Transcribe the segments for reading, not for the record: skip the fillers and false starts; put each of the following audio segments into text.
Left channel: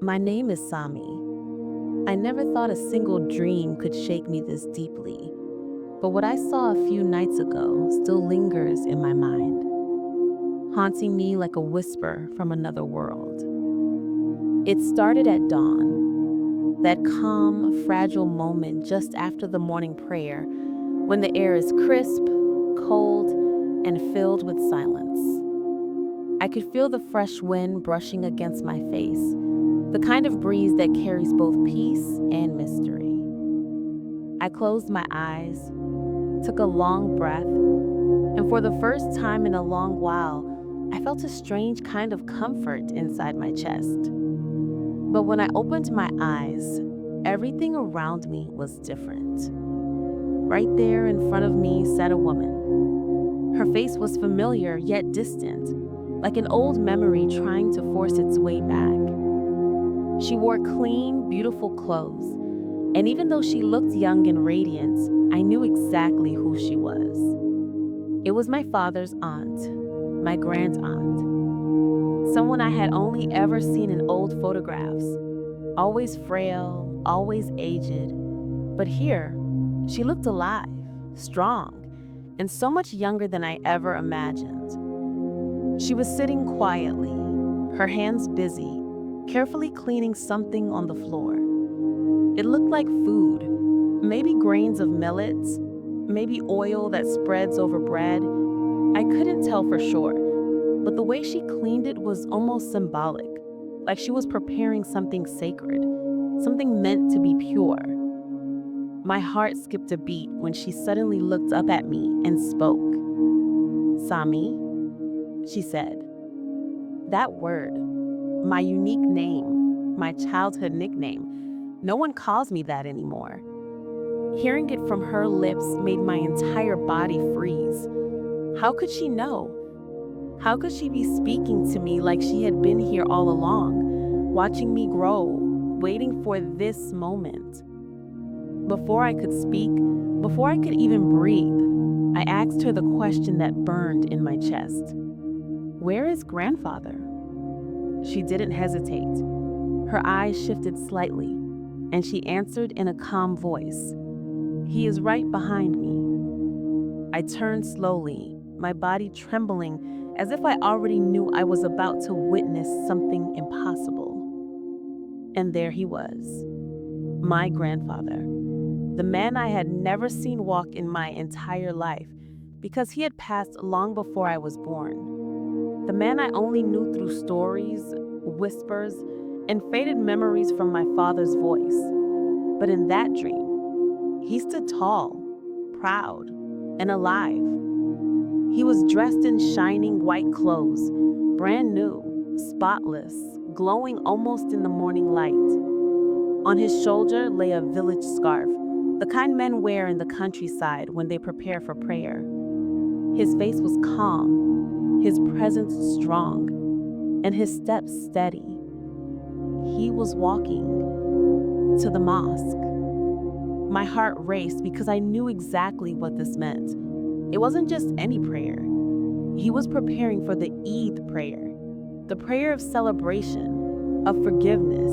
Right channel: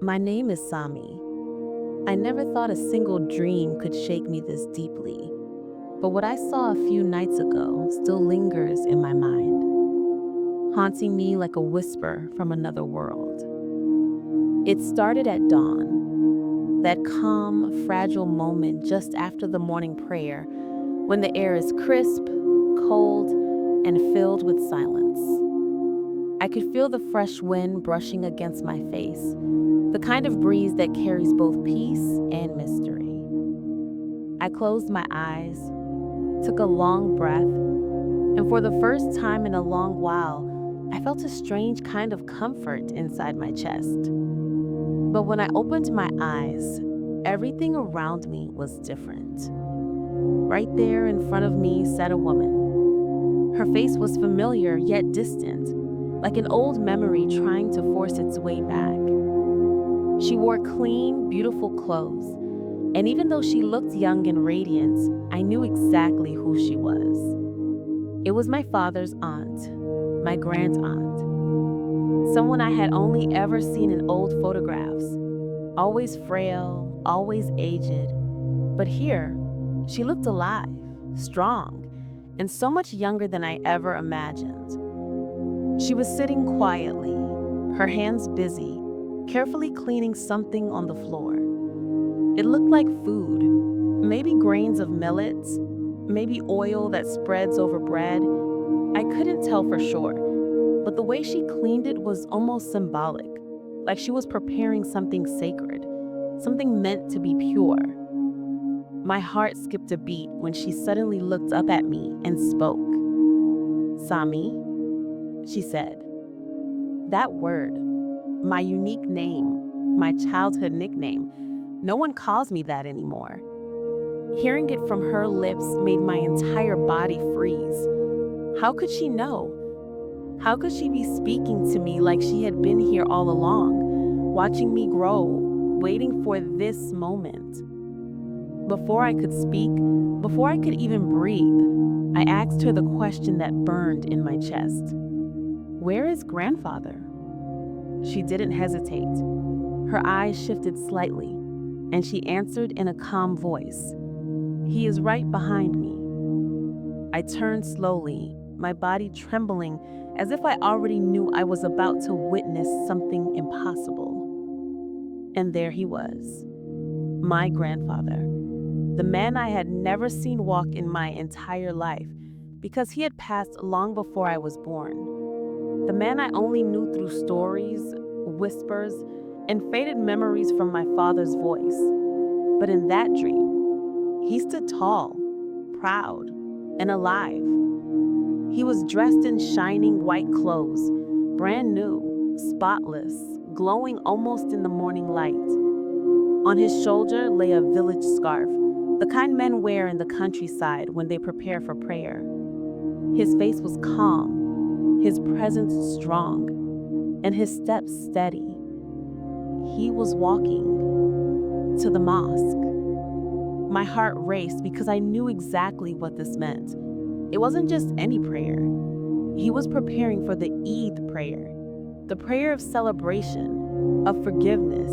My name is Sami. I never thought a single dream could shake me this deeply, but what I saw a few nights ago still lingers in my mind, haunting me like a whisper from another world. It started at dawn, that calm, fragile moment just after the morning prayer, when the air is crisp, cold, and filled with silence. I could feel the fresh wind brushing against my face, the kind of breeze that carries both peace and mystery. I closed my eyes, took a long breath, and for the first time in a long while, I felt a strange kind of comfort inside my chest. But when I opened my eyes, everything around me was different. Right there in front of me sat a woman. Her face was familiar yet distant, like an old memory trying to force its way back. She wore clean, beautiful clothes, and even though she looked young and radiant, I knew exactly who she was. It was my father's aunt, my grand aunt, someone I had only ever seen in old photographs, always frail, always aged. But here, she looked alive, strong, and so much younger than I ever imagined. She was sitting quietly, her hands busy, carefully cleaning something on the floor. It looked like food, maybe grains of millets, maybe oil that spreads over bread. I couldn't tell for sure, but the way she cleaned it was almost symbolic, like she was preparing something sacred, something meant to be pure. My heart skipped a beat when she suddenly looked up at me and spoke. "Sami," she said. That word, my unique name, my childhood nickname, no one calls me that anymore. Hearing it from her lips made my entire body freeze. How could she know? How could she be speaking to me like she had been here all along, watching me grow, waiting for this moment? Before I could speak, before I could even breathe, I asked her the question that burned in my chest. "Where is grandfather?" She didn't hesitate. Her eyes shifted slightly, and she answered in a calm voice. "He is right behind me." I turned slowly, my body trembling as if I already knew I was about to witness something impossible. And there he was, my grandfather, the man I had never seen walk in my entire life because he had passed long before I was born. The man I only knew through stories, whispers, and faded memories from my father's voice. But in that dream, he stood tall, proud, and alive. He was dressed in shining white clothes, brand new, spotless, glowing almost in the morning light. On his shoulder lay a village scarf, the kind men wear in the countryside when they prepare for prayer. His face was calm, his presence strong, and his steps steady. He was walking to the mosque. My heart raced because I knew exactly what this meant. It wasn't just any prayer. He was preparing for the Eid prayer, the prayer of celebration, of forgiveness,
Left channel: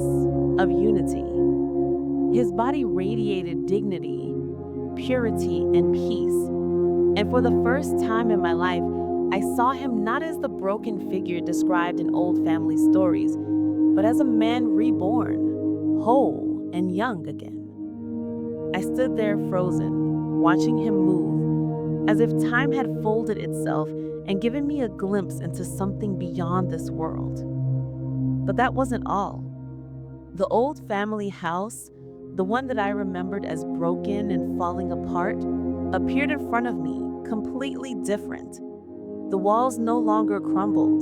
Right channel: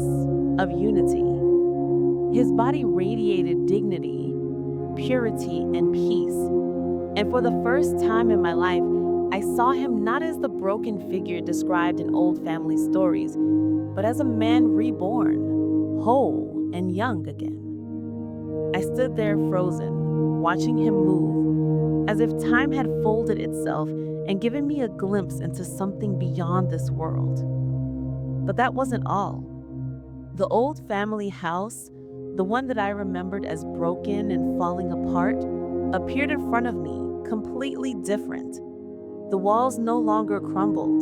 of unity. His body radiated dignity, purity, and peace. And for the first time in my life, I saw him not as the broken figure described in old family stories, but as a man reborn, whole and young again. I stood there frozen, watching him move, as if time had folded itself and given me a glimpse into something beyond this world. But that wasn't all. The old family house, the one that I remembered as broken and falling apart, appeared in front of me, completely different. The walls no longer crumbled,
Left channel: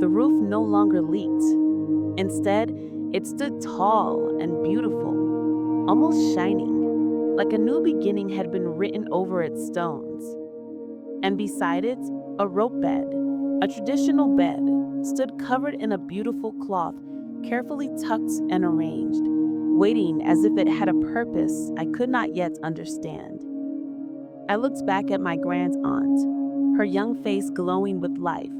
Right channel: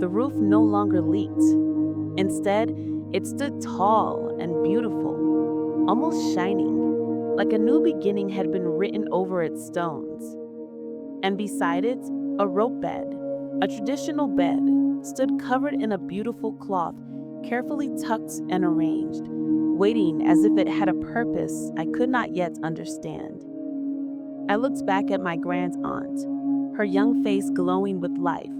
the roof no longer leaked. Instead, it stood tall and beautiful, almost shining, like a new beginning had been written over its stones. And beside it, a rope bed, a traditional bed, stood covered in a beautiful cloth, carefully tucked and arranged, waiting as if it had a purpose I could not yet understand. I looked back at my grand aunt, her young face glowing with life.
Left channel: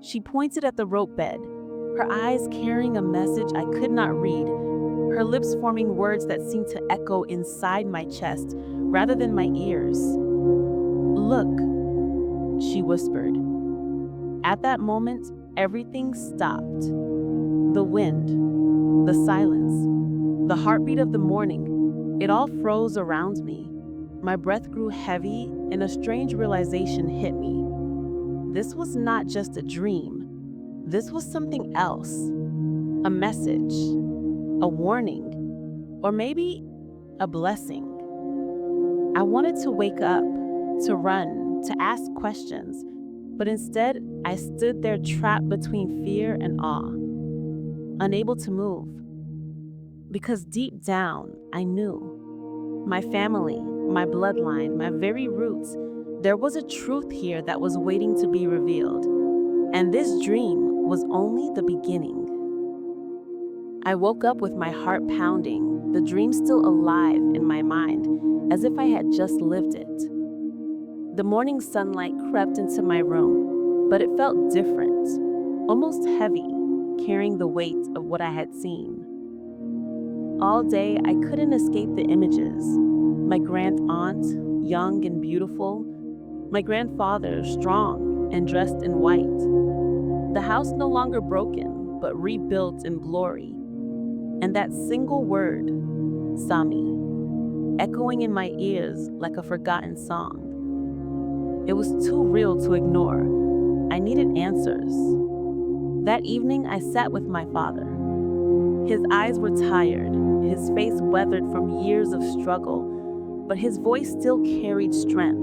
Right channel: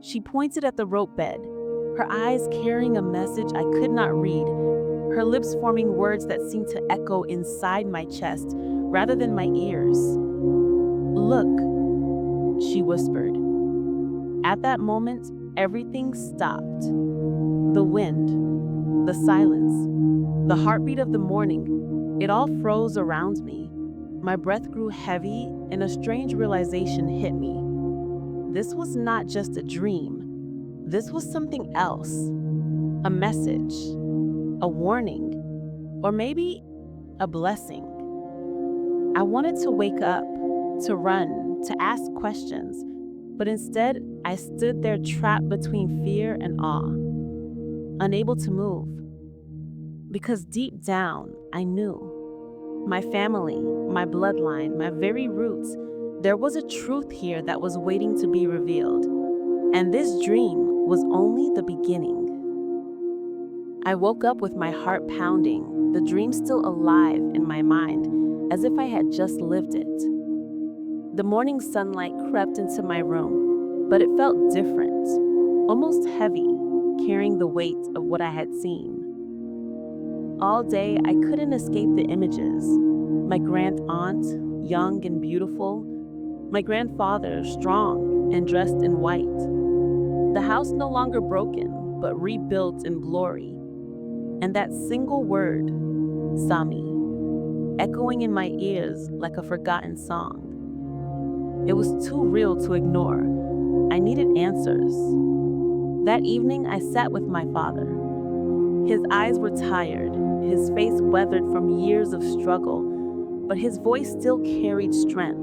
She pointed at the rope bed. her eyes carrying a message I could not read, her lips forming words that seemed to echo inside my chest rather than my ears. "Look," she whispered. At that moment, everything stopped. The wind, the silence, the heartbeat of the morning, it all froze around me. My breath grew heavy, and a strange realization hit me. This was not just a dream. This was something else. A message, a warning, or maybe a blessing. I wanted to wake up, to run, to ask questions, but instead I stood there trapped between fear and awe, unable to move. Because deep down, I knew. My family, my bloodline, my very roots, there was a truth here that was waiting to be revealed. And this dream was only the beginning. I woke up with my heart pounding, the dream still alive in my mind, as if I had just lived it. The morning sunlight crept into my room, but it felt different, almost heavy, carrying the weight of what I had seen. All day, I couldn't escape the images. My grand aunt, young and beautiful. My grandfather, strong and dressed in white. The house no longer broken, but rebuilt in glory. And that single word, Sami, echoing in my ears like a forgotten song. It was too real to ignore. I needed answers. That evening, I sat with my father. His eyes were tired, his face weathered from years of struggle, but his voice still carried strength.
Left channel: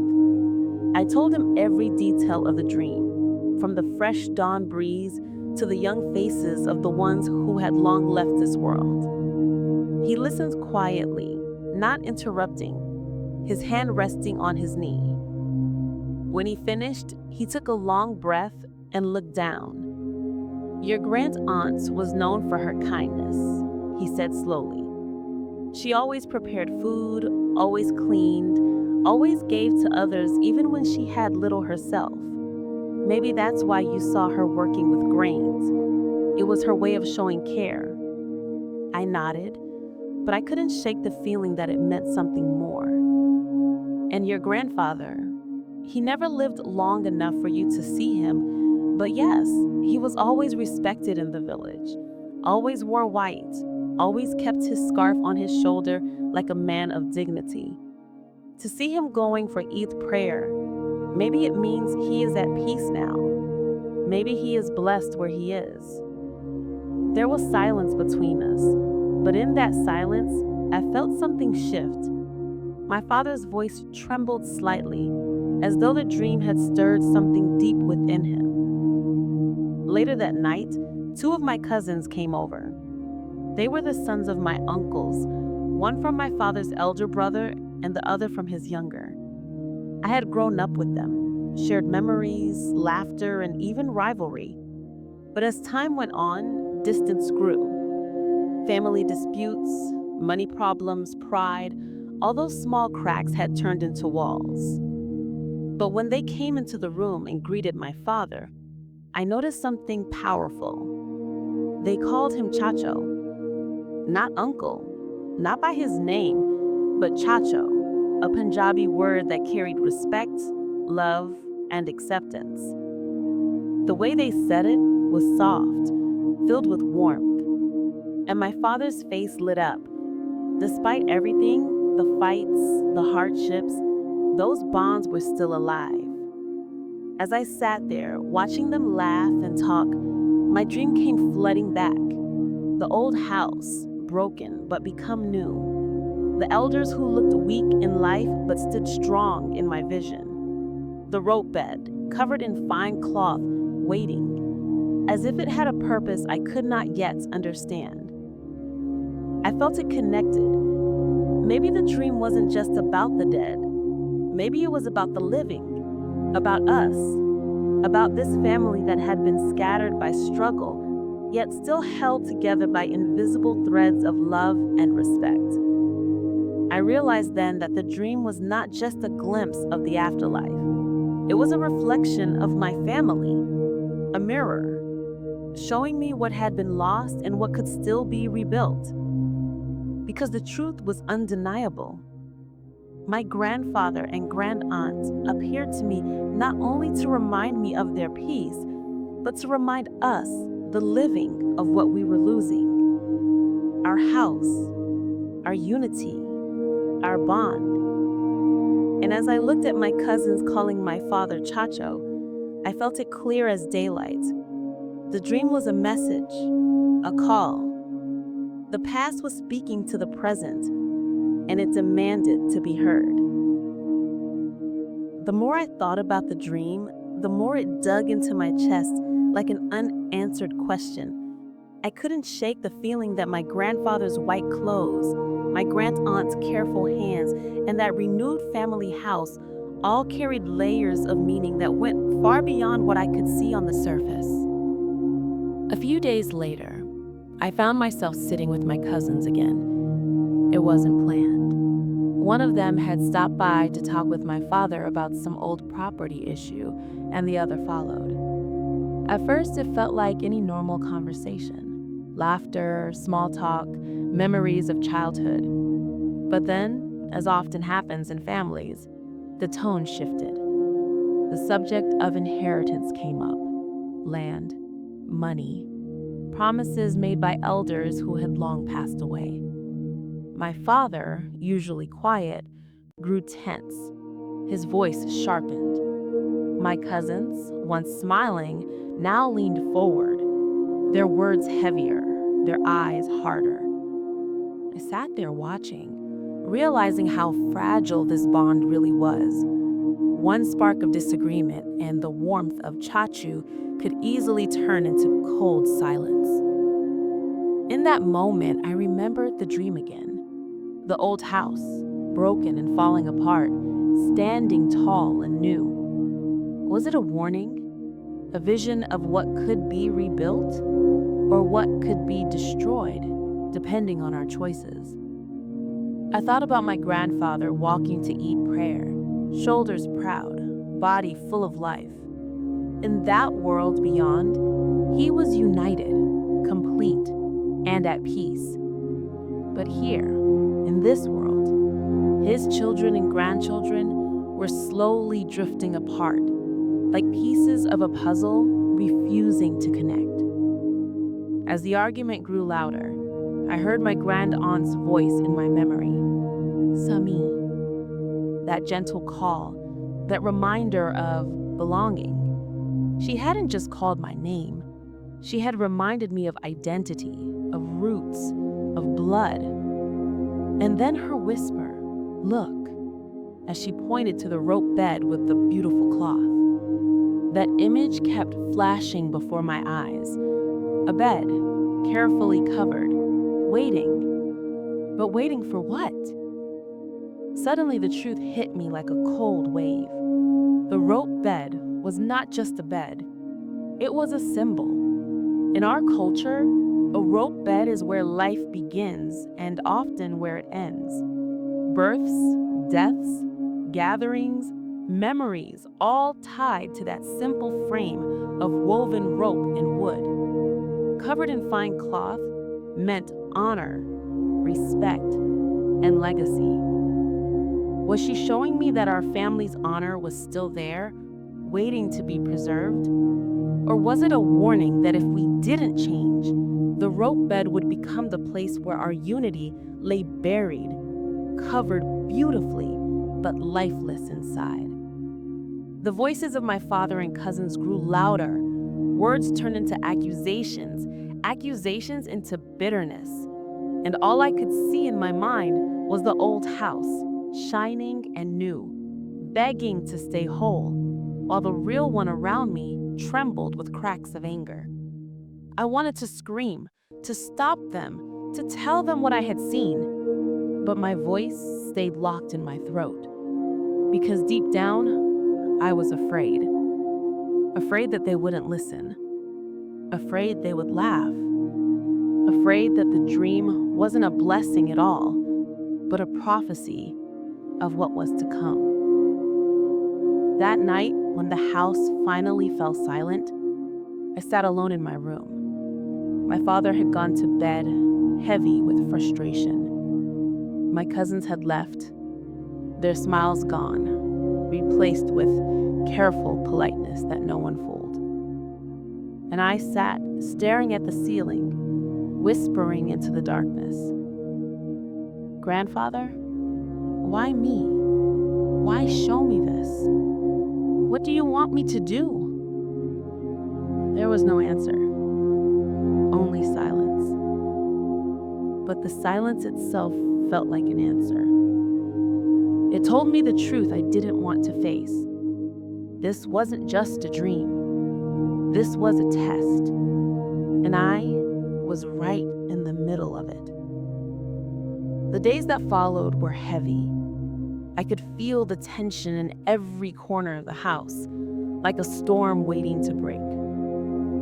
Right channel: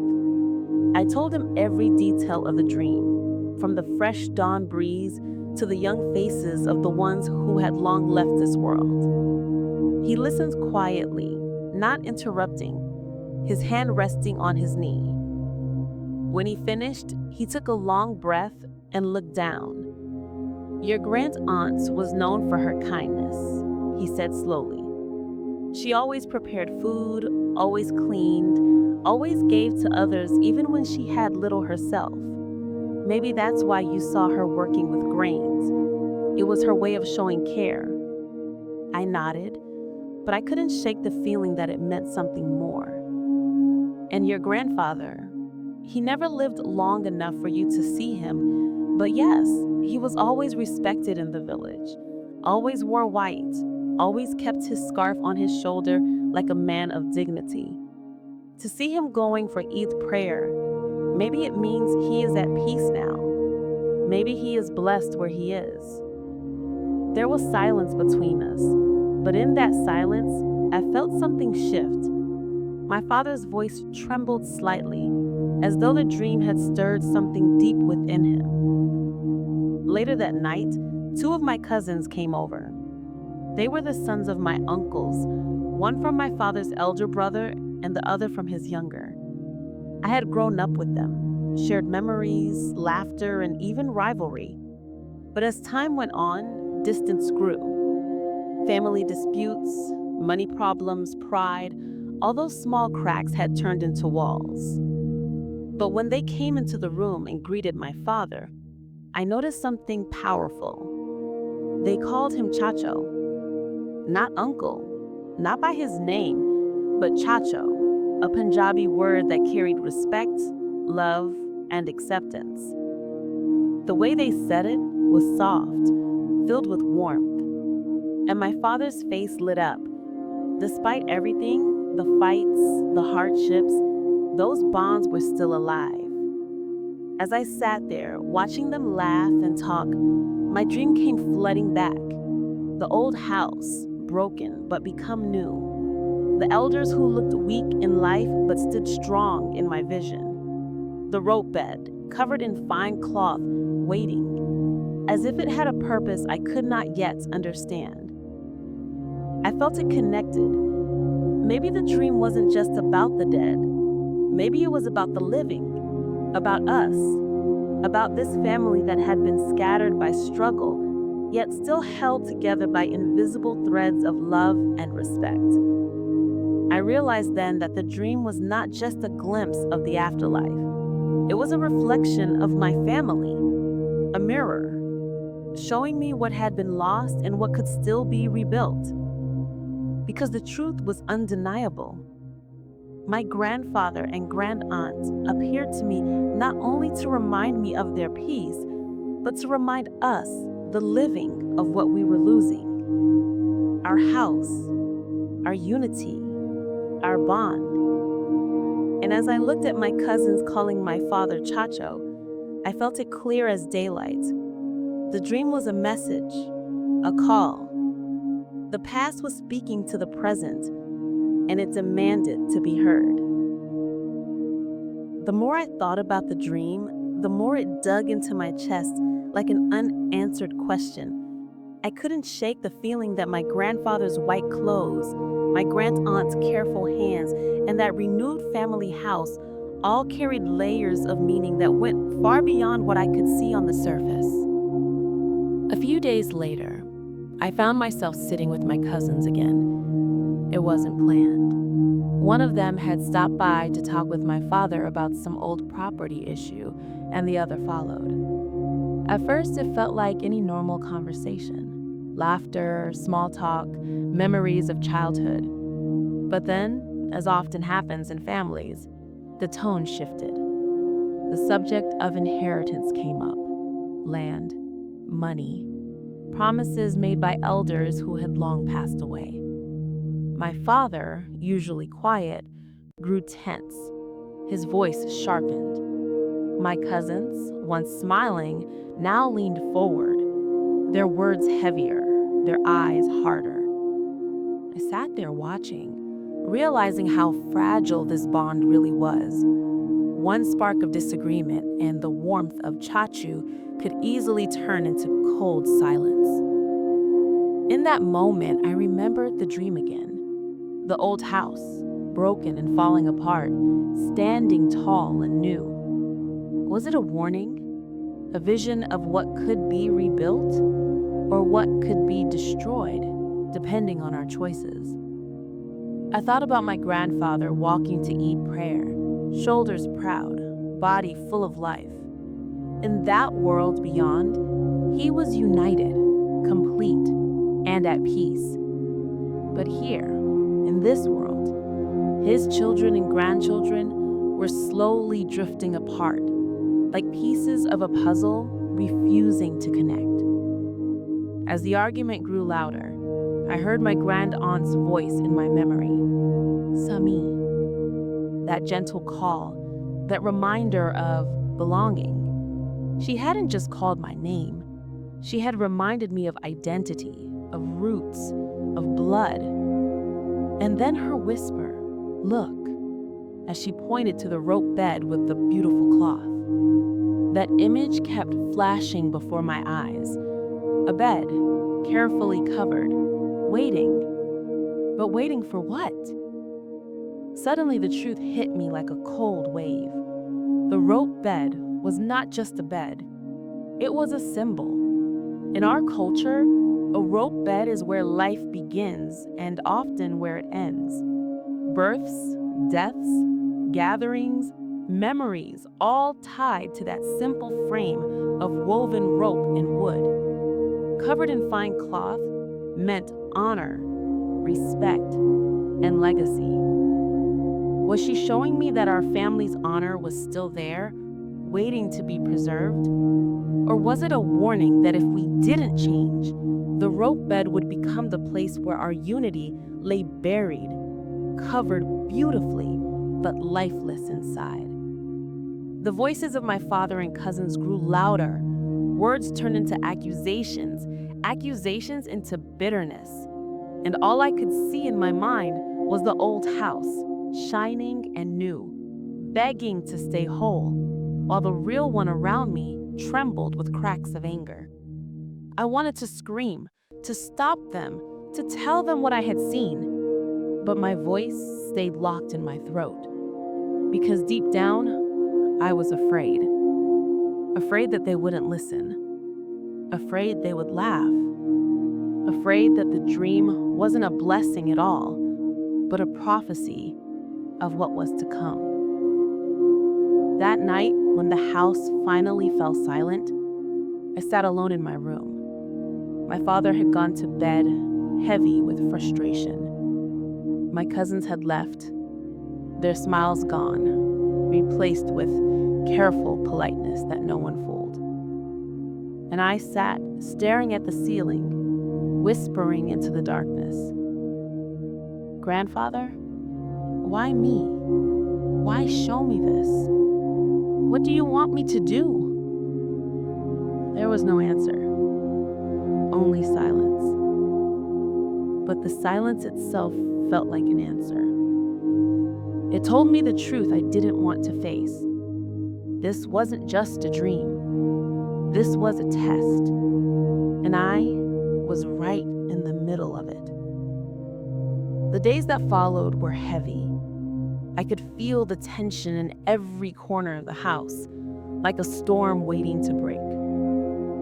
I told him every detail of the dream, from the fresh dawn breeze to the young faces of the ones who had long left this world. He listened quietly, not interrupting, his hand resting on his knee. When he finished, he took a long breath and looked down. "Your grand-aunt was known for her kindness," he said slowly. "She always prepared food, always cleaned, always gave to others even when she had little herself. Maybe that's why you saw her working with grains. It was her way of showing care." I nodded, but I couldn't shake the feeling that it meant something more. "And your grandfather, he never lived long enough for you to see him, but yes, he was always respected in the village, always wore white, always kept his scarf on his shoulder like a man of dignity. To see him going for Eid prayer, maybe it means he is at peace now. Maybe he is blessed where he is." There was silence between us, but in that silence, I felt something shift. My father's voice trembled slightly, as though the dream had stirred something deep within him. Later that night, two of my cousins came over. They were the sons of my uncles, one from my father's elder brother and the other from his younger. I had grown up with them, shared memories, laughter, and even rivalry. But as time went on, distance grew. Family disputes, money problems, pride, all those small cracks had turned into walls. But when they came into the room and greeted my father, I noticed something powerful. They called him Chacho. Not uncle, not by his name, but Chacho, a Punjabi word that carried respect, love, and acceptance. The way they said it was soft, filled with warmth, and my father's face lit up. Despite everything, the fights, the hardships, those bonds were still alive. As I sat there, watching them laugh and talk, my dream came flooding back. The old house, broken but become new. The elders who looked weak in life but stood strong in my vision. The rope bed, covered in fine cloth, waiting, as if it had a purpose I could not yet understand. I felt it connected. Maybe the dream wasn't just about the dead. Maybe it was about the living, about us, about this family that had been scattered by struggle, yet still held together by invisible threads of love and respect. I realized then that the dream was not just a glimpse of the afterlife. It was a reflection of my family, a mirror, showing me what had been lost and what could still be rebuilt. Because the truth was undeniable. My grandfather and grandaunt appeared to me not only to remind me of their peace, but to remind us, the living, of what we were losing. Our house, our unity, our bond. And as I looked at my cousins calling my father Chacho, I felt it clear as daylight. The dream was a message, a call. The past was speaking to the present, and it demanded to be heard. The more I thought about the dream, the more it dug into my chest like an unanswered question. I couldn't shake the feeling that my grandfather's white clothes, my grandaunt's careful hands, and that renewed family house all carried layers of meaning that went far beyond what I could see on the surface. A few days later, I found myself sitting with my cousins again. It wasn't planned. One of them had stopped by to talk with my father about some old property issue, and the other followed. At first, it felt like any normal conversation. Laughter, small talk, memories of childhood. But then, as often happens in families, the tone shifted. The subject of inheritance came up. Land, money, promises made by elders who had long passed away. My father, usually quiet, grew tense. His voice sharpened. My cousins, once smiling, now leaned forward, their words heavier, their eyes harder. I sat there watching, realizing how fragile this bond really was. One spark of disagreement and the warmth of Chachu could easily turn into cold silence. In that moment, I remembered the dream again. The old house, broken and falling apart, standing tall and new. Was it a warning? A vision of what could be rebuilt? Or what could be destroyed, depending on our choices? I thought about my grandfather walking to eat prayer, shoulders proud, body full of life. In that world beyond, he was united, complete, and at peace. But here, in this world, his children and grandchildren were slowly drifting apart, like pieces of a puzzle refusing to connect. As the argument grew louder, I heard my grandaunt's voice in my memory. Sami. That gentle call, that reminder of belonging. She hadn't just called my name. She had reminded me of identity, of roots, of blood. And then her whisper, look, as she pointed to the rope bed with the beautiful cloth. That image kept flashing before my eyes. A bed, carefully covered, waiting. But waiting for what? Suddenly the truth hit me like a cold wave. The rope bed was not just a bed. It was a symbol. In our culture, a rope bed is where life begins and often where it ends. Births, deaths, gatherings, memories, all tied to that simple frame of woven rope and wood. Covered in fine cloth meant honor, respect, and legacy. Was she showing me that our family's honor was still there, waiting to be preserved? Or was it a warning that if we didn't change, the rope bed would become the place where our unity lay buried, covered beautifully, but lifeless inside? The voices of my father and cousins grew louder. Words turned into accusations, accusations into bitterness. And all I could see in my mind was the old house, shining and new, begging to stay whole, while the real one around me trembled with cracks of anger. I wanted to scream, to stop them, to tell them what I had seen. But my voice stayed locked in my throat. Because deep down, I was afraid. Afraid that they wouldn't listen. Afraid they would laugh. Afraid that the dream wasn't a blessing at all, but a prophecy of what was to come. That night, when the house finally fell silent, I sat alone in my room. My father had gone to bed, heavy with frustration. My cousins had left, their smiles gone, replaced with careful politeness that no one fooled. And I sat, staring at the ceiling, whispering into the darkness. Grandfather, why me? Why show me this? What do you want me to do? There was no answer, only silence. But the silence itself felt like an answer. It told me the truth I didn't want to face. This wasn't just a dream. This was a test. And I was right in the middle of it. The days that followed were heavy. I could feel the tension in every corner of the house, like a storm waiting to break.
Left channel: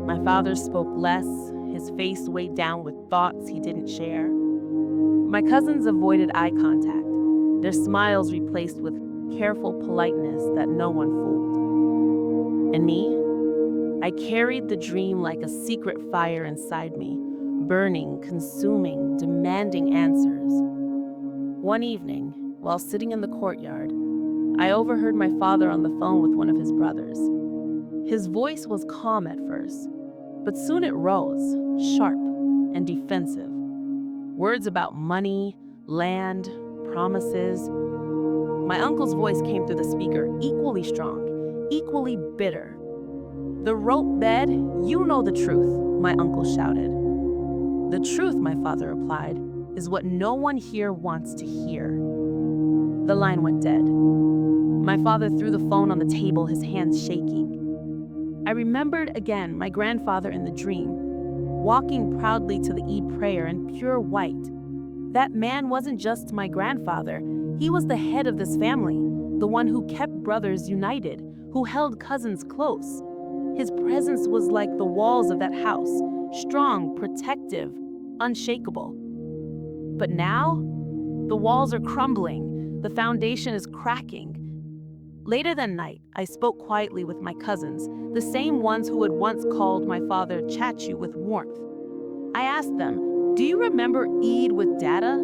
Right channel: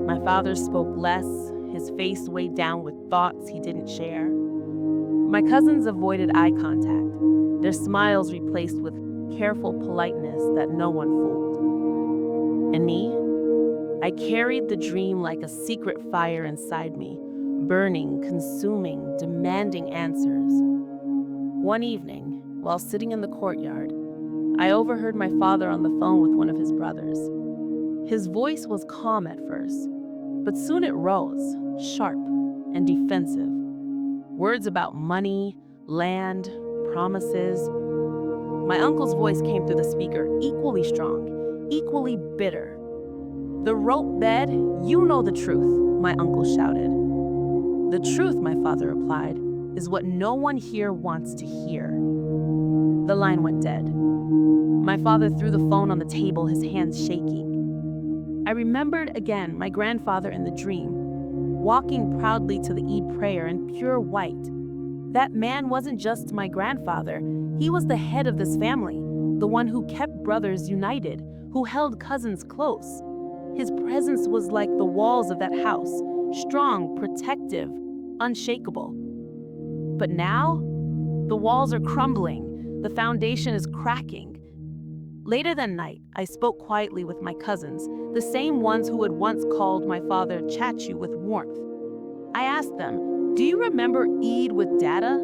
My father spoke less, his face weighed down with thoughts he didn't share. My cousins avoided eye contact, their smiles replaced with careful politeness that no one fooled. And me? I carried the dream like a secret fire inside me, burning, consuming, demanding answers. One evening, while sitting in the courtyard, I overheard my father on the phone with one of his brothers. His voice was calm at first, but soon it rose, sharp and defensive. Words about money, land, promises. My uncle's voice came through the speaker, equally strong, equally bitter. "The rope bed, you know the truth," my uncle shouted. "The truth," my father replied, "is what no one here wants to hear." The line went dead. My father threw the phone on the table, his hands shaking. I remembered again my grandfather in the dream, walking proudly to the Eid prayer in pure white. That man wasn't just my grandfather, he was the head of this family, the one who kept brothers united, who held cousins close. His presence was like the walls of that house, strong, protective, unshakable. But now, the walls are crumbling, the foundation is cracking. Later that night, I spoke quietly with my cousins, the same ones who had once called my father Chachu with warmth. I asked them, "Do you remember Eid with Dada?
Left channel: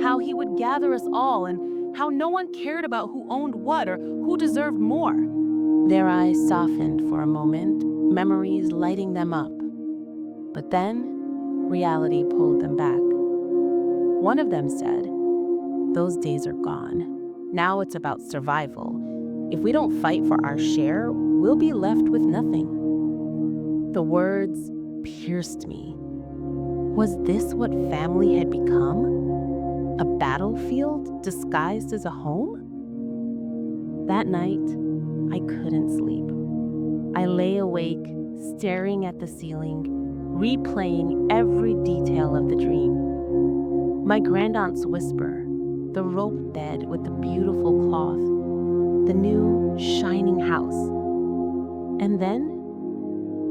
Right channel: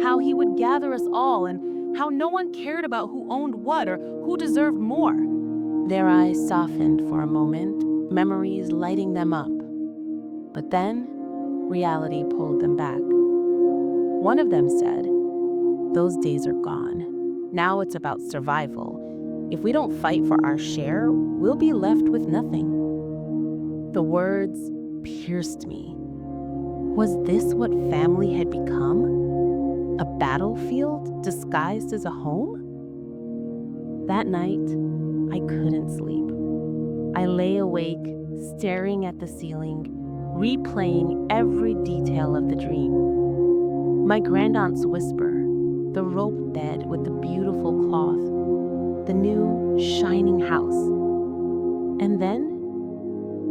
How he would gather us all and how no one cared about who owned what or who deserved more?" Their eyes softened for a moment, memories lighting them up. But then, reality pulled them back. One of them said, "Those days are gone. Now it's about survival. If we don't fight for our share, we'll be left with nothing." The words pierced me. Was this what family had become? A battlefield disguised as a home? That night, I couldn't sleep. I lay awake, staring at the ceiling, replaying every detail of the dream. My grandaunt's whisper, the rope bed with the beautiful cloth, the new, shining house. And then,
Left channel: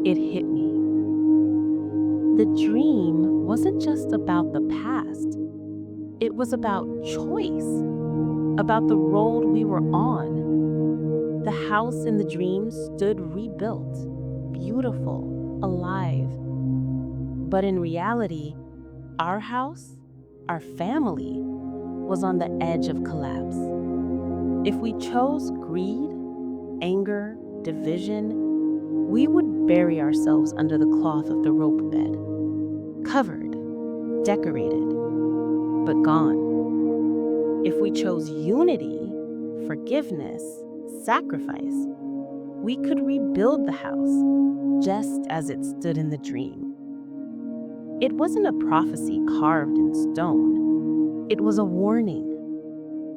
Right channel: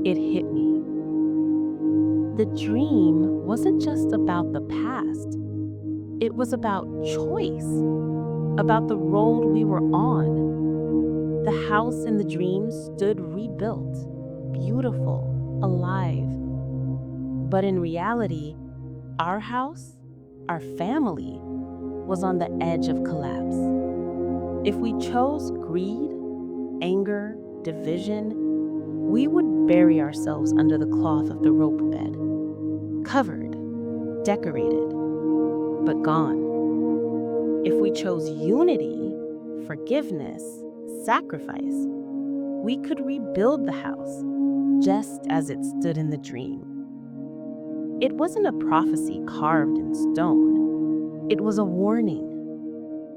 it hit me. The dream wasn't just about the past. It was about choice, about the road we were on. The house in the dream stood rebuilt, beautiful, alive. But in reality, our house, our family, was on the edge of collapse. If we chose greed, anger, division, we would bury ourselves under the cloth of the rope bed, covered, decorated, but gone. If we chose unity, forgiveness, sacrifice, we could rebuild the house just as it stood in the dream. It wasn't a prophecy carved in stone. It was a warning,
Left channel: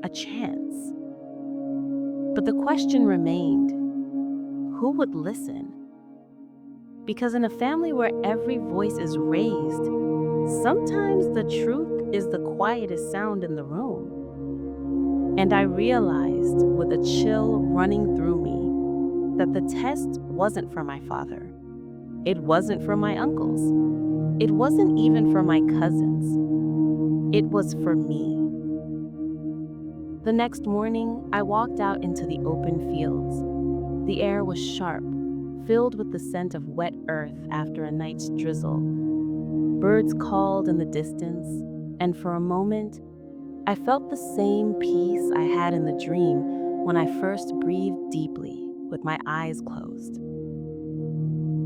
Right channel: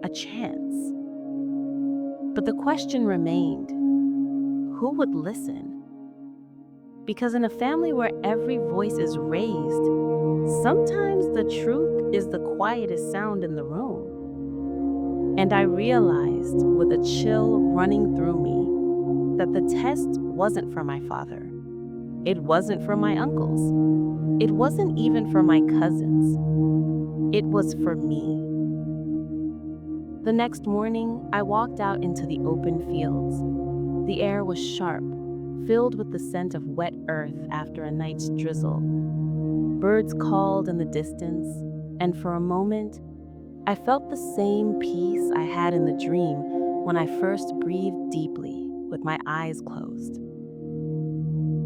a chance. But the question remained, who would listen? Because in a family where every voice is raised, sometimes the truth is the quietest sound in the room. And I realized with a chill running through me that the test wasn't for my father. It wasn't for my uncles. It wasn't even for my cousins. It was for me. The next morning, I walked out into the open fields. The air was sharp, filled with the scent of wet earth after a night's drizzle. Birds called in the distance, and for a moment, I felt the same peace I had in the dream when I first breathed deeply with my eyes closed.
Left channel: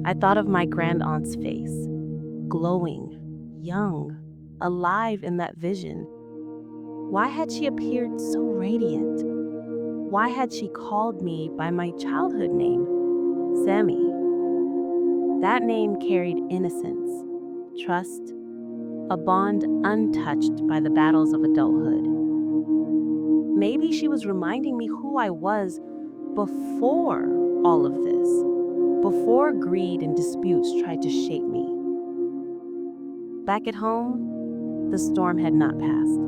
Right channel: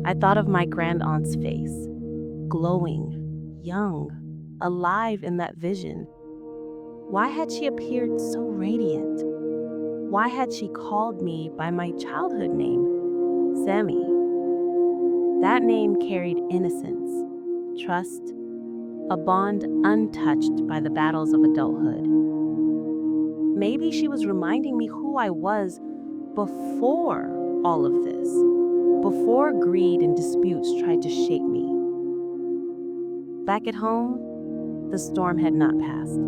I thought of my grandaunt's face, glowing, young, alive in that vision. Why had she appeared so radiant? Why had she called me by my childhood name, Sammy? That name carried innocence, trust, a bond untouched by the battles of adulthood. Maybe she was reminding me who I was before all of this, before greed and disputes tried to shape me. Back at home, the storm had not passed.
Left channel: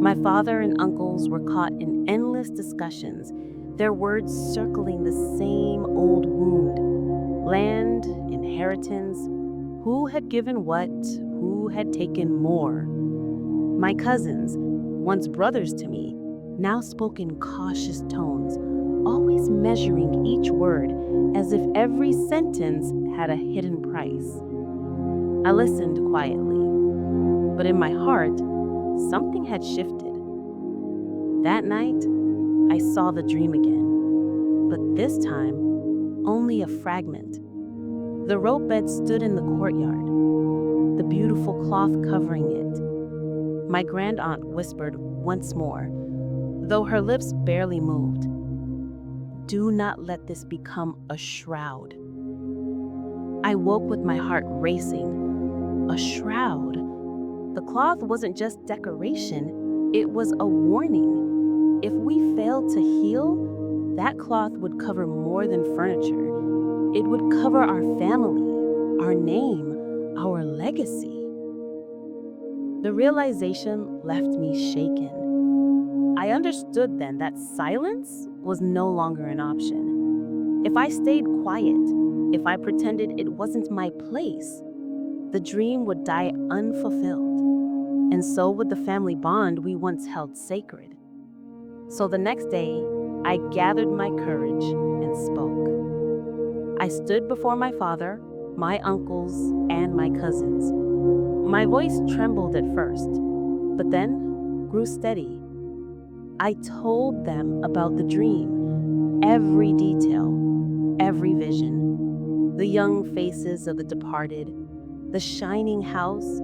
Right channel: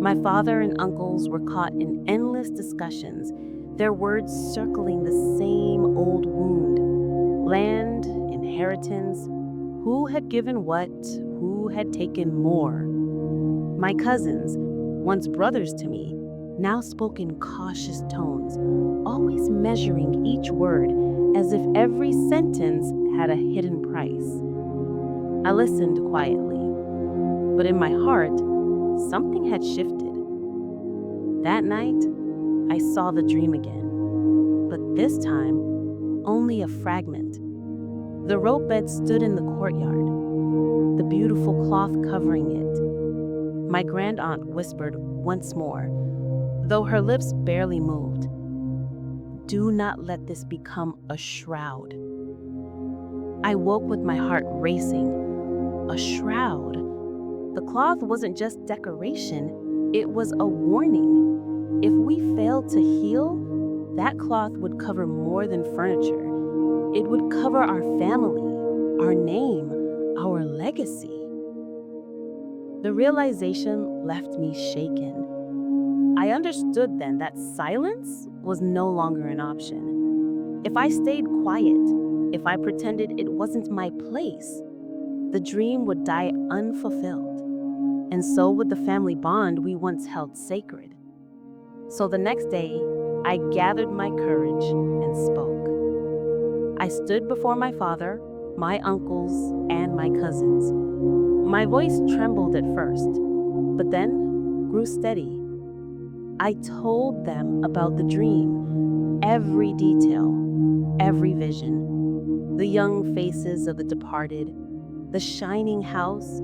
My father and uncles were caught in endless discussions, their words circling the same old wound: land, inheritance, who had given what, who had taken more. My cousins, once brothers to me, now spoke in cautious tones, always measuring each word as if every sentence had a hidden price. I listened quietly, but in my heart, something had shifted. That night, I saw the dream again, but this time, only a fragment. The rope bed stood in the courtyard, the beautiful cloth covering it. My grandaunt whispered once more, though her lips barely moved, "Do not let this become a shroud." I woke with my heart racing. A shroud. The cloth wasn't just decoration, it was a warning. If we failed to heal, that cloth would cover more than furniture. It would cover our family, our name, our legacy. The realization left me shaken. I understood then that silence was no longer an option. If I stayed quiet, if I pretended it wasn't my place, the dream would die unfulfilled, and so would the family bond we once held sacred. So the next day, I gathered my courage and spoke. I stood before my father, my uncles, and my cousins. My voice trembled at first, but then grew steady. I told them about the dream, every detail, every vision, the young faces of the departed, the shining house,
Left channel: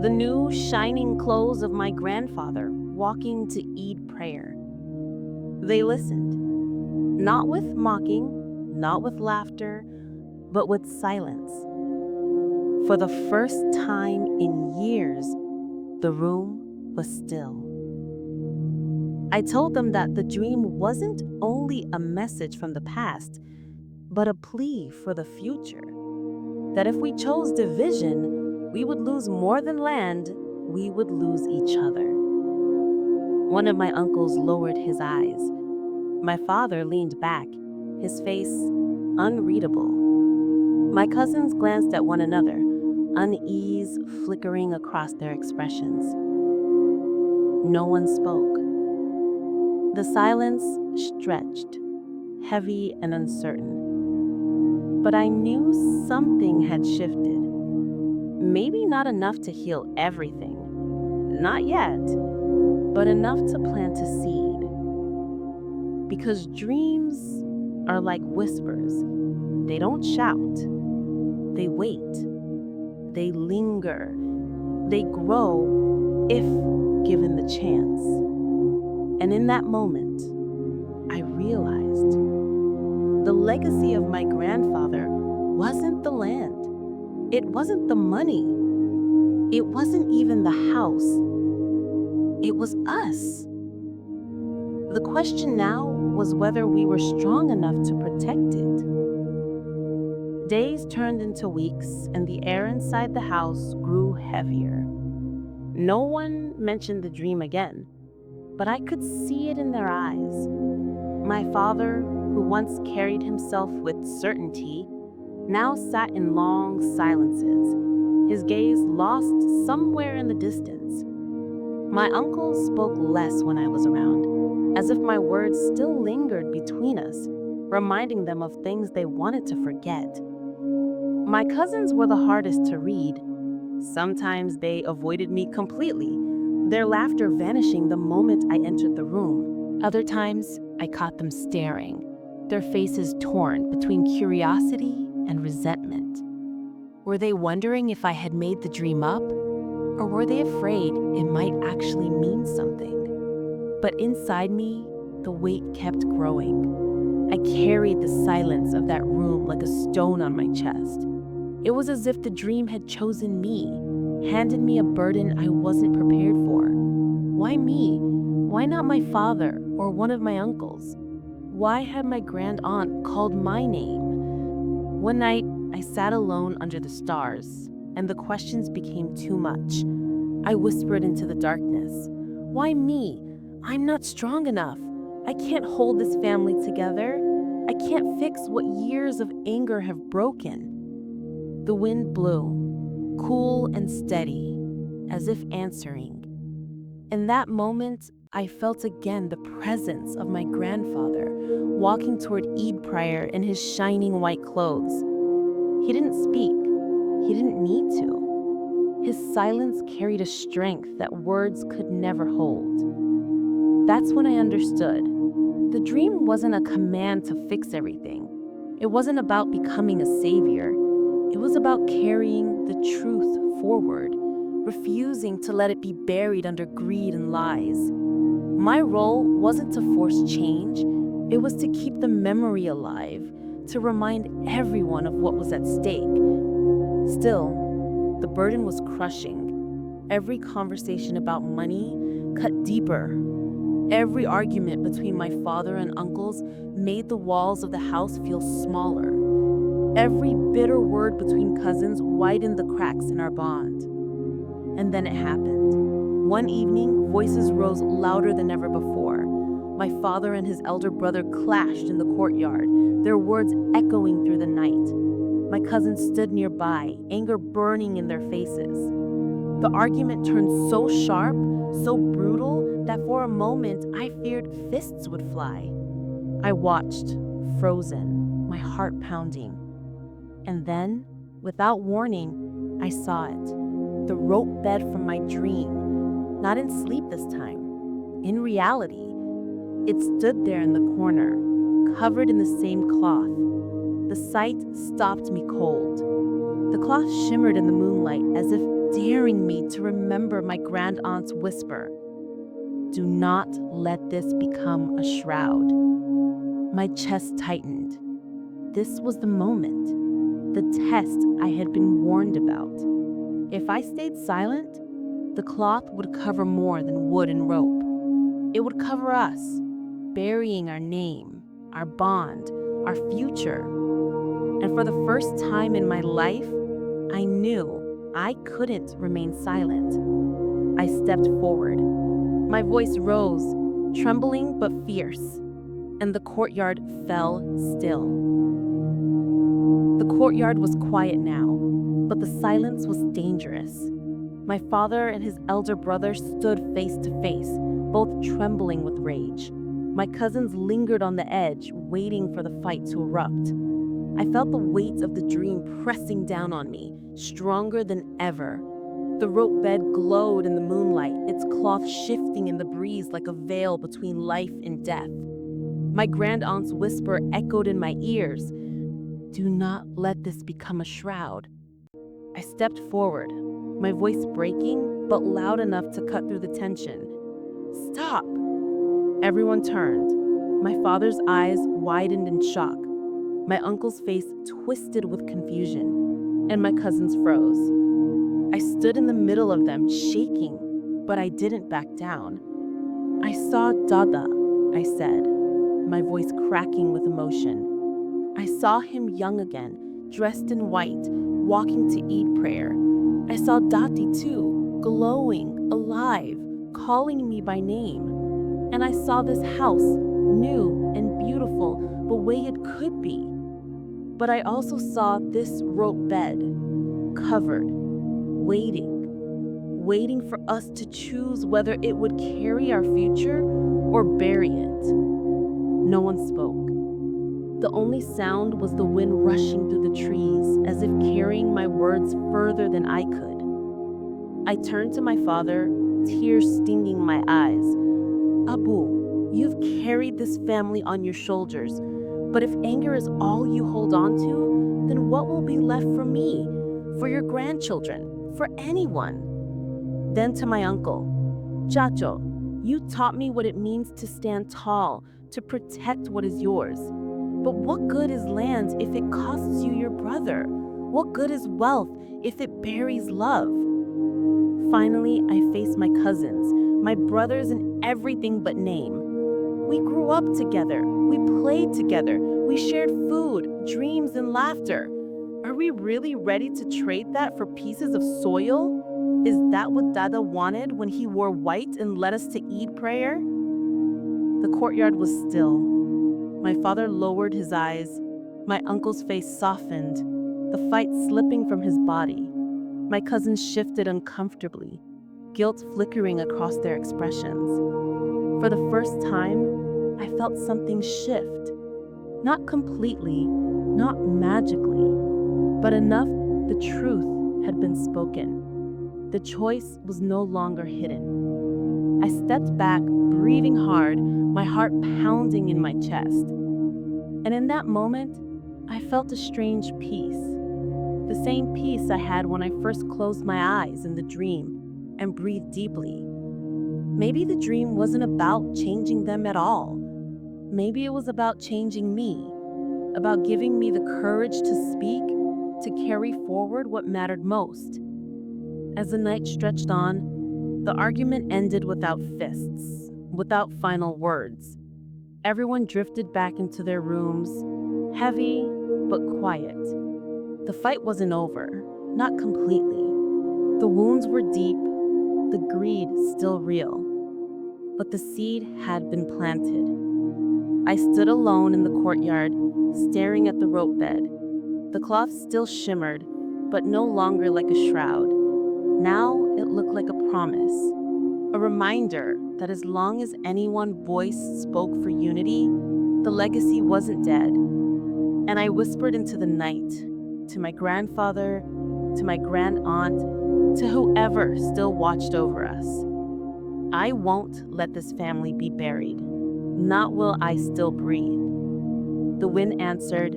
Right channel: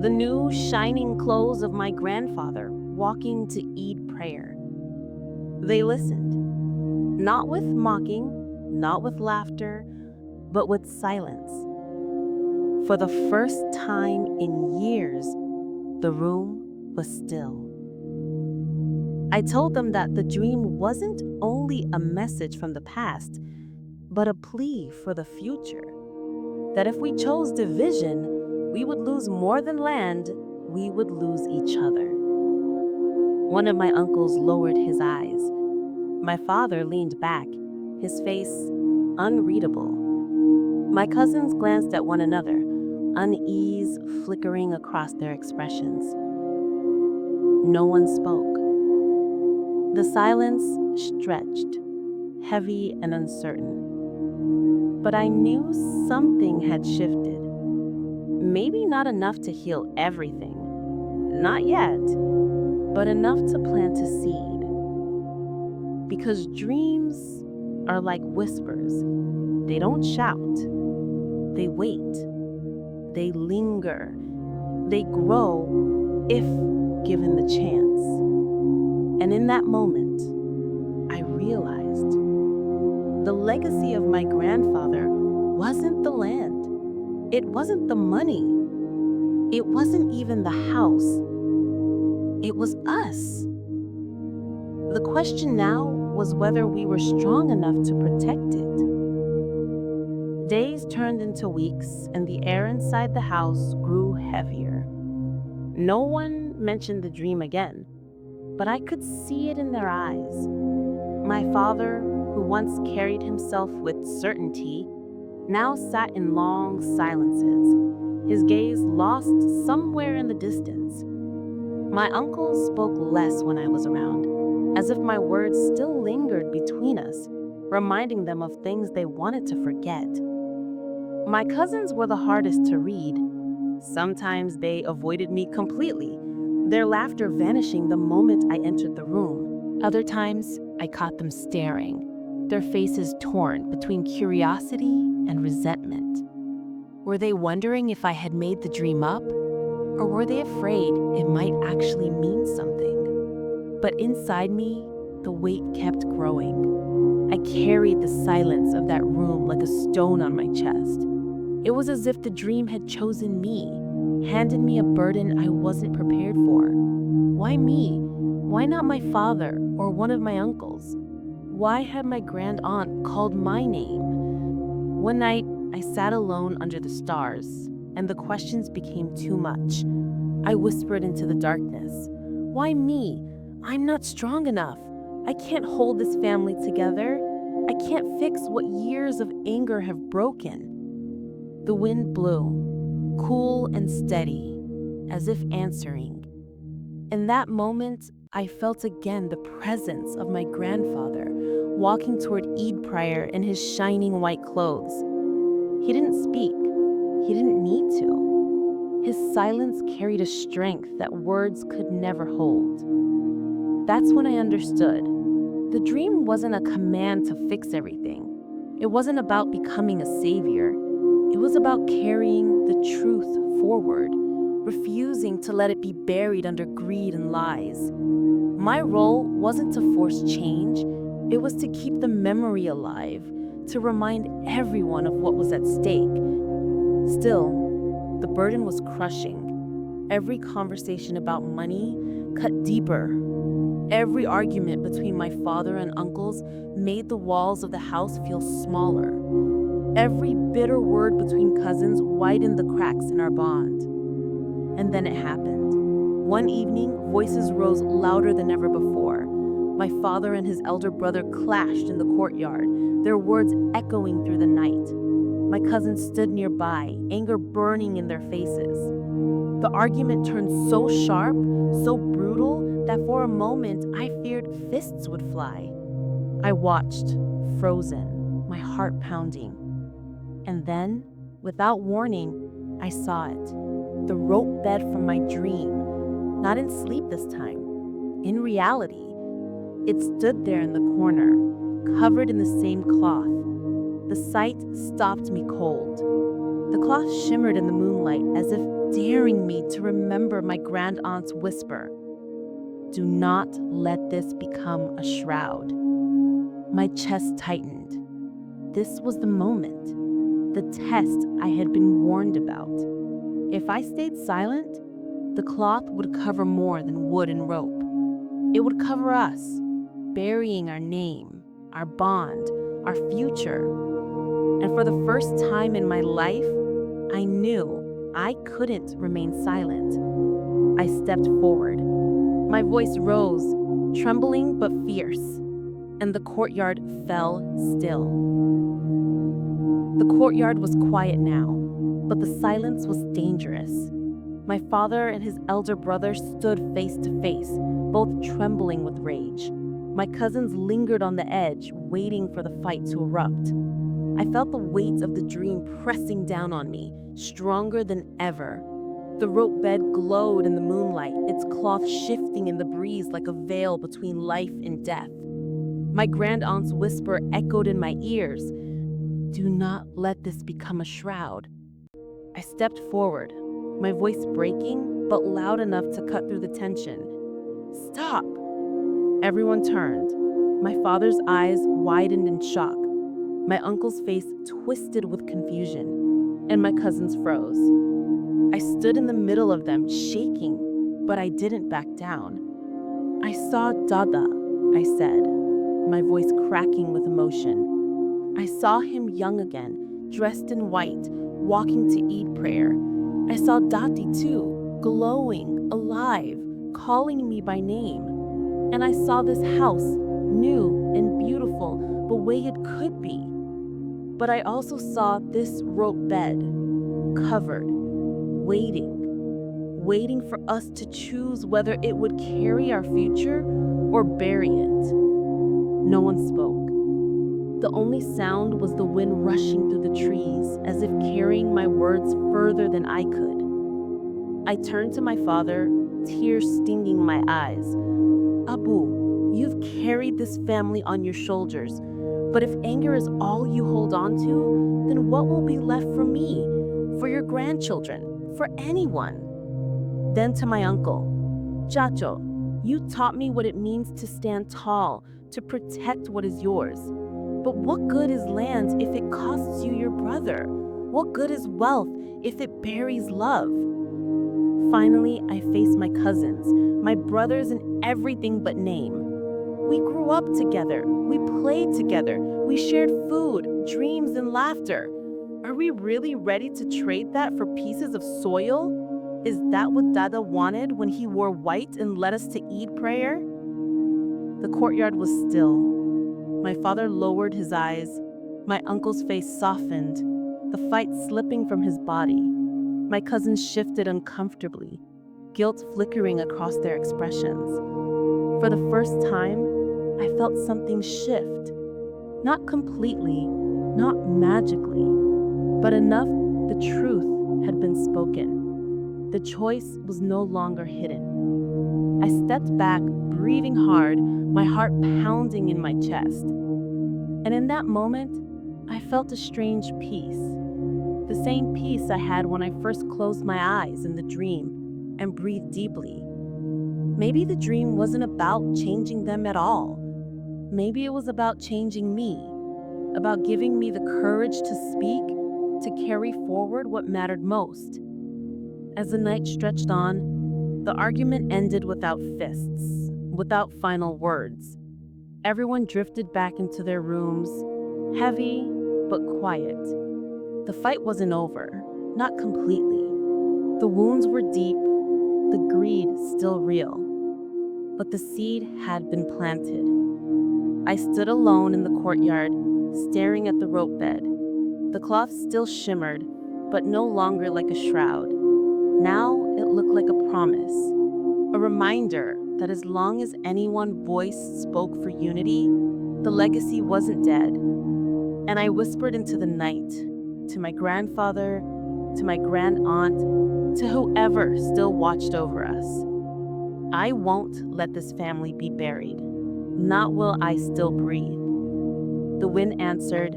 the new shining clothes of my grandfather walking to Eid prayer. They listened, not with mocking, not with laughter, but with silence. For the first time in years, the room was still. I told them that the dream wasn't only a message from the past, but a plea for the future. That if we chose division, we would lose more than land, we would lose each other. One of my uncles lowered his eyes. My father leaned back, his face unreadable. My cousins glanced at one another, unease flickering across their expressions. No one spoke. The silence stretched, heavy and uncertain. But I knew something had shifted. Maybe not enough to heal everything, not yet, but enough to plant a seed. Because dreams are like whispers. They don't shout, they wait, they linger, they grow if given the chance. And in that moment, I realized the legacy of my grandfather wasn't the land, it wasn't the money, it wasn't even the house, it was us. The question now was whether we were strong enough to protect it. Days turned into weeks, and the air inside the house grew heavier. No one mentioned the dream again, but I could see it in their eyes. My father, who once carried himself with certainty, now sat in long silences, his gaze lost somewhere in the distance. My uncles spoke less when I was around, as if my words still lingered between us, reminding them of things they wanted to forget. My cousins were the hardest to read. Sometimes they avoided me completely, their laughter vanishing the moment I entered the room. Other times, I caught them staring, their faces torn between curiosity and resentment. Were they wondering if I had made the dream up, or were they afraid it might actually mean something? But inside me, the weight kept growing. I carried the silence of that room like a stone on my chest. It was as if the dream had chosen me, handed me a burden I wasn't prepared for. Why me? Why not my father or one of my uncles? Why had my grand aunt called my name? One night, I sat alone under the stars, and the questions became too much. I whispered into the darkness. Why me? I'm not strong enough. I can't hold this family together. I can't fix what years of anger have broken. The wind blew, cool and steady, as if answering. In that moment, I felt again the presence of my grandfather walking toward Eid prayer in his shining white clothes. He didn't speak. He didn't need to. His silence carried a strength that words could never hold. That's when I understood. The dream wasn't a command to fix everything. It wasn't about becoming a savior. It was about carrying the truth forward, refusing to let it be buried under greed and lies. My role wasn't to force change. It was to keep the memory alive, to remind everyone of what was at stake. Still, the burden was crushing. Every conversation about money cut deeper. Every argument between my father and uncles made the walls of the house feel smaller. Every bitter word between cousins widened the cracks in our bond. And then it happened. One evening, voices rose louder than ever before. My father and his elder brother clashed in the courtyard, their words echoing through the night. My cousins stood nearby, anger burning in their faces. The argument turned so sharp, so brutal, that for a moment I feared fists would fly. I watched, frozen, my heart pounding. And then, without warning, I saw it. The rope bed from my dream. Not in sleep this time. In reality. It stood there in the corner, covered in the same cloth. The sight stopped me cold. The cloth shimmered in the moonlight as if daring me to remember my grand aunt's whisper. Do not let this become a shroud. My chest tightened. This was the moment, the test I had been warned about. If I stayed silent, the cloth would cover more than wood and rope. It would cover us, burying our name, our bond, our future. And for the first time in my life, I knew I couldn't remain silent. I stepped forward. My voice rose, trembling but fierce, and the courtyard fell still. The courtyard was quiet now, but the silence was dangerous. My father and his elder brother stood face to face, both trembling with rage. My cousins lingered on the edge, waiting for the fight to erupt. I felt the weight of the dream pressing down on me, stronger than ever. The rope bed glowed in the moonlight, its cloth shifting in the breeze like a veil between life and death. My grand aunt's whisper echoed in my ears. Do not let this become a shroud. I stepped forward, my voice breaking, but loud enough to cut through the tension. Stop! Everyone turned. My father's eyes widened in shock. My uncle's face twisted with confusion, and my cousins froze. I stood in the middle of them, shaking, but I didn't back down. I saw Dada, I said, my voice cracking with emotion. I saw him young again, dressed in white, walking to Eid prayer. I saw Dati too, glowing, alive, calling me by name. And I saw this house, new and beautiful, the way it could be. But I also saw this rope bed, covered, waiting for us to choose whether it would carry our future or bury it. No one spoke. The only sound was the wind rushing through the trees, as if carrying my words further than I could. I turned to my father, tears stinging my eyes. Abu, you've carried this family on your shoulders, but if anger is all you hold on to, then what will be left for me, for your grandchildren, for anyone? Then to my uncle, Chacho, you taught me what it means to stand tall, to protect what is yours. But what good is land if it costs you your brother? What good is wealth if it buries love? Finally, I faced my cousins, my brothers in everything but name. We grew up together, we played together, we shared food, dreams, and laughter. Are we really ready to trade that for pieces of soil? Is that what Dada wanted when he wore white and led us to Eid prayer? The courtyard was still. My father lowered his eyes. My uncle's face softened, the fight slipping from his body. My cousins shifted uncomfortably, guilt flickering across their expressions. For the first time, I felt something shift. Not completely, not magically, but enough the truth had been spoken. The choice was no longer hidden. I stepped back, breathing hard, my heart pounding in my chest. And in that moment, I felt a strange peace. The same peace I had when I first closed my eyes in the dream and breathed deeply. Maybe the dream wasn't about changing them at all. Maybe it was about changing me, about giving me the courage to speak, to carry forward what mattered most. As the night stretched on, the argument ended without fists, without final words. Everyone drifted back into their rooms, heavy but quiet. The fight wasn't over, not completely. The wounds were deep, the greed still real. But the seed had been planted. I stood alone in the courtyard, staring at the rope bed. The cloth still shimmered, but no longer like a shroud. Now it looked like a promise, a reminder that as long as anyone's voice spoke for unity, the legacy wasn't dead. And I whispered into the night, to my grandfather, to my grand aunt, to whoever still watched over us. I won't let this family be buried. Not while I still breathe. The wind answered,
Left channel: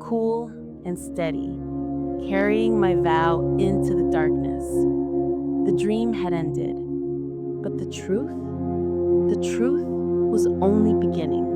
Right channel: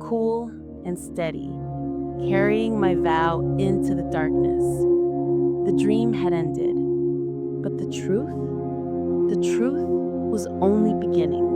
cool and steady, carrying my vow into the darkness. The dream had ended, but the truth was only beginning.